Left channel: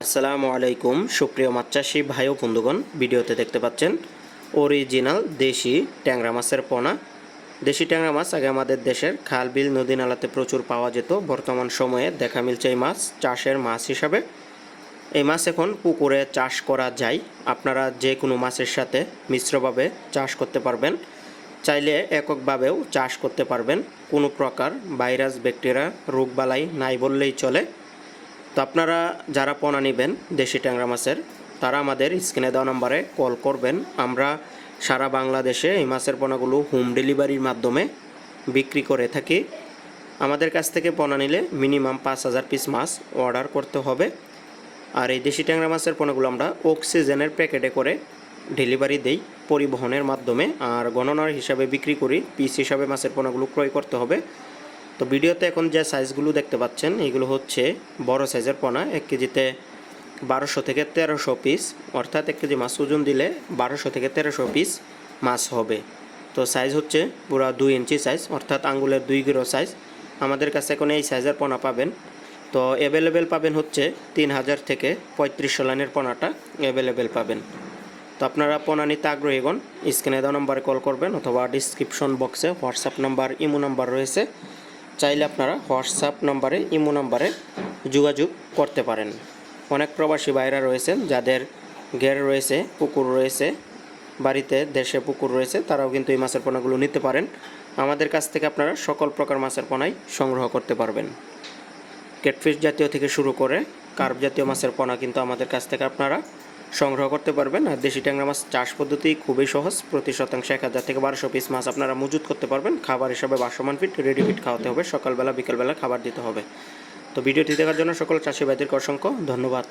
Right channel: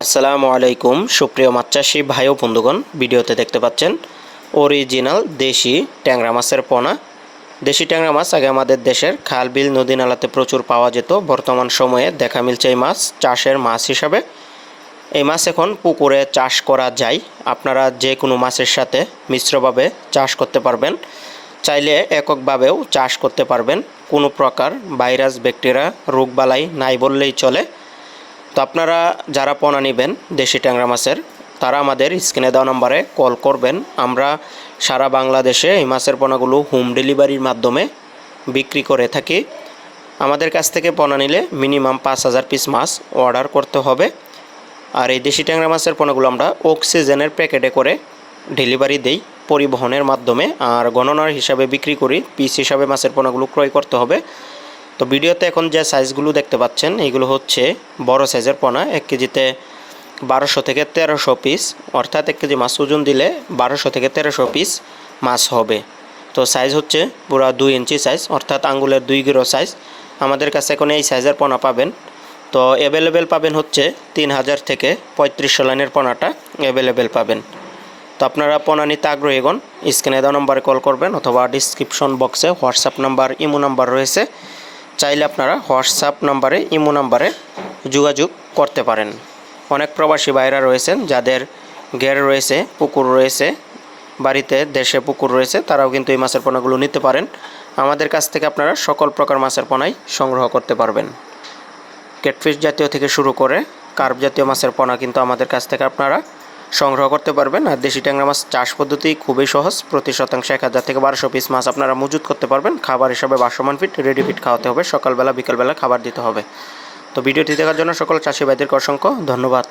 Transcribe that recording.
আসসালামু আলাইকুম সুপ্রিয় মাছ চাষি ভাই ও বন্ধুগণ, ভিডিওতে দেখতে পাচ্ছেন অরিজিনাল দেশি ট্যাংরা মাছের পোনা। দেশি ট্যাংরা মাছ আগে আমাদের দেশের খাল বিল নদী নালাতে প্রচুর পাওয়া যেত। বর্তমান সময়ে দেখা মিলছে এই মাছ চাষের মাছ হিসাবে। এই মাছ এখন পুকুরে চাষ করা যায়। আপনারা যে কোনো মাছের সাথে মিশ্রভাবে চাষ করতে পারবেন, চাইলে এককভাবেও চাষ করতে পারবেন। কোনো প্রকার ভাইরাস ব্যাকটেরিয়া রোগবালাই নাই বললেই চলে। তো আপনারা যারা পোনা নেবেন দেশি ট্যাংরা মাছের, তারা আমাদের স্ক্রিনে দেওয়া নম্বরে কল করবেন। আমরা সারা বাংলাদেশে এই মাছের পোনাগুলো হোম ডেলিভারির মাধ্যমে বিক্রি করে থাকি। আমাদের কাছ থেকে পোনা নিলে মিনিমাম 5,000 পিস মাছ অর্ডার করতে হবে। আর এই দেশি ট্যাংরা মাছের পোনাগুলো আমরা অক্সিজেনের প্যাকেটে করে ডেলিভারি দেই পরিবহনের মাধ্যমে, আর গণনার হিসাবে বিক্রি করি। পিস হিসাবে মাছের পোনাগুলো ক্রয় করতে হবে। তো ভিডিওতে এখন যে সাইজগুলো দেখতে পাচ্ছেন এইগুলো হচ্ছে বড় সাইজের পোনা। 1 কেজিতে 1200 থেকে 1300 পিস, অর্থাৎ 1 কেজি মাছ ওজন দিলে 1200 থেকে 1300 পিস মাছ হবে। তো সাইজ হচ্ছে পুরো 2 ইঞ্চি সাইজ, অর্থাৎ আঙ্গুলের 2 গিরো সাইজ। আমাদের কাছে এখন এই সাইজের পোনা পাবেন। তো অ্যাভেলেবেল পাবেন হচ্ছে 3000 থেকে 3500 লাইনের পোনাটা অ্যাভেলেবেল পাবেন। তো আপনারা পোনা নিতে আগ্রহীগণ স্ক্রিনে দেওয়া নম্বরে কল করবেন, অথবা ডিসক্রিপশন বক্সে হোয়াটসঅ্যাপ নাম্বার ইমো নাম্বার রয়েছে। চাইলে আপনারা হোয়াটসঅ্যাপ নাম্বারে ইমো নাম্বারে যোগাযোগ করতে পারেন। অনেক প্রবাসী ভাইরা রয়েছেন যাদের ঘের রয়েছে, পুকুর রয়েছে, বাড়িতে দেশে পুকুর রয়েছে, তারাও কিন্তু এই মাছের পোনাগুলো নিতে পারেন। আমাদের কাছ থেকে আপনারা সকল প্রকার মাছের পোনাই সংগ্রহ করতে পারবেন। ক্যাটফিশ জাতীয় থেকে শুরু করে কার্প জাতীয় মাছের পোনা কিন্তু আমাদের কাছ থেকে আপনারা সংগ্রহ করতে পারবেন। আর দেশি ট্যাংরা মাছ চাষ পদ্ধতি খুবই সহজ। প্রতি শতাংশে 1000 থেকে 1200 পিস মাছ আপনারা মজুত করতে পারবেন। খাবার হিসাবে ভাসমান ফিড, রেডি ফিড খাওয়াতে হবে, সকালবেলা বিকালবেলা খাবার দিতে হবে। তো ভিডিওটি দেখার জন্য সকল চাষি ভাইদেরকে অসংখ্য ধন্যবাদ।